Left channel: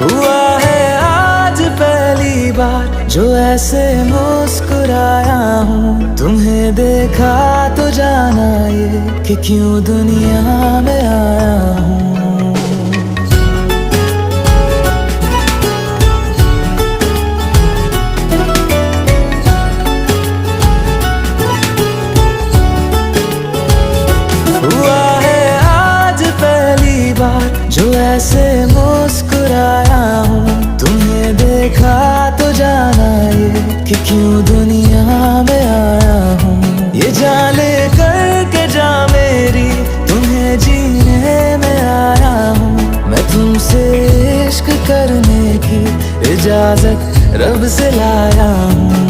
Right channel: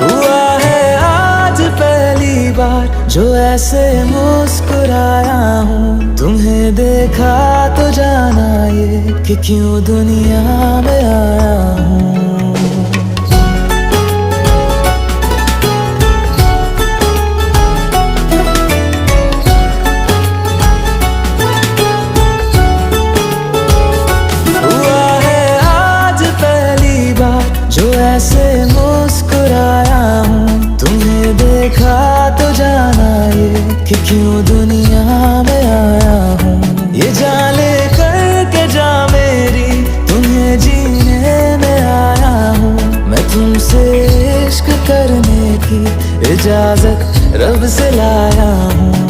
हुआ है आज पहली बार जो ऐसे मुस्कुराया हूँ। तुम्हें देखा तो जाना ये कि क्यों दुनिया में आया हूँ। हुआ है आज पहली बार जो ऐसे मुस्कुराया हूँ। तुम्हें देखा तो जाना ये कि क्यों दुनिया में आया हूँ। ये जान ले करके जा मेरी तुम्हें जीने में आया हूँ। मैं तुमसे इश्क करने की इजाजत रब से लाया हूँ।